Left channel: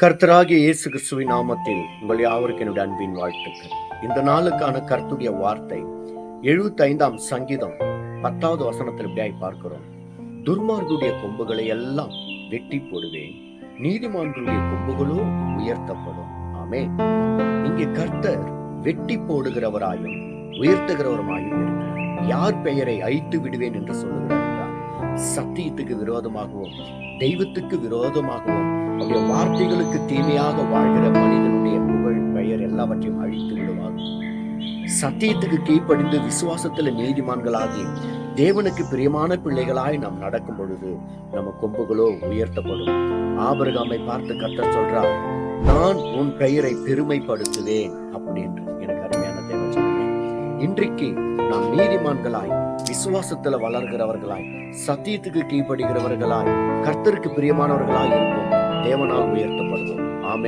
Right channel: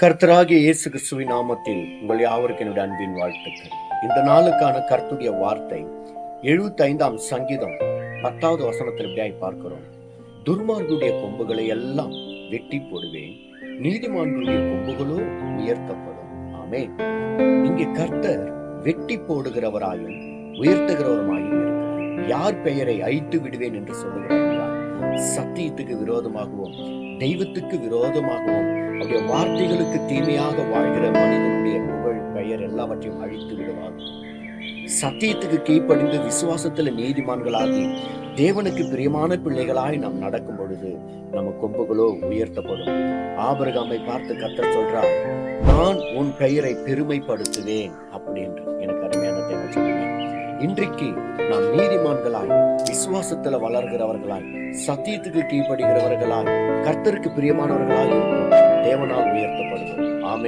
கர்த்தராகிய இயேசு கிறிஸ்துவின் நாமத்தில் உங்கள் யாவருக்கு என்னுடைய அன்பின் வாழ்த்துக்கள். இந்த நாளுக்கான கர்த்தருடைய வார்த்தை 75ஆம் சங்கீதம் 10வது வசனத்தில் இப்படியாய் பார்க்கிறோம். துர்மார்களுடைய கொம்புகளை எல்லாம் வெட்டி போடுவேன், நீதிமான்களுடைய கொம்புகளோ உயர்த்தப்படும். ஆமே. இங்கே கர்த்தர் வெட்டி போடுகிறவராயும் உயர்த்துகிறவருமாயும் இருக்கிறார். யார் பெயரை அழித்து விடுவேன் என்று சொல்லுகிறார் என்றால், சத்தியத்துக்கு விரோதமாகவும் தெய்வத்துக்கு விரோதமாகவும் அவருடைய வார்த்தைகளுக்கு தீமையாக வாழ்கிற மனிதனுடைய புகழ் பெயர் எல்லாவற்றையும் அழித்து விடுவார். சத்தியத்துக்கு கீழ்ப்படிந்து விசுவாசத்துல நீதிமான்களாகி தேவனுக்கு பிரியமான பிள்ளைகளாய் நாம் நடக்கும் பொழுது நம்ம கொம்புகளோ உயர்த்தப்படும். ஆபிரகாமை பார்த்து கர்த்தர் சொல்றார், நான் உன் பெயரை பெருமைப்படுத்துவேன் அப்படின்னு. எனக்கு அருமையான தேவன், இன்றைக்கு நாம் நீதிமான்களாய் விசுவாசத்துல வளர்கிறவர்களாய் சத்தியத்துக்கு கீழ்ப்படுகிறவர்களாய் கர்த்தருக்கு பிரியமானவர்களாய் இருப்போம். தேவனால் உயர்த்தப்படுவோம். ஆமென்.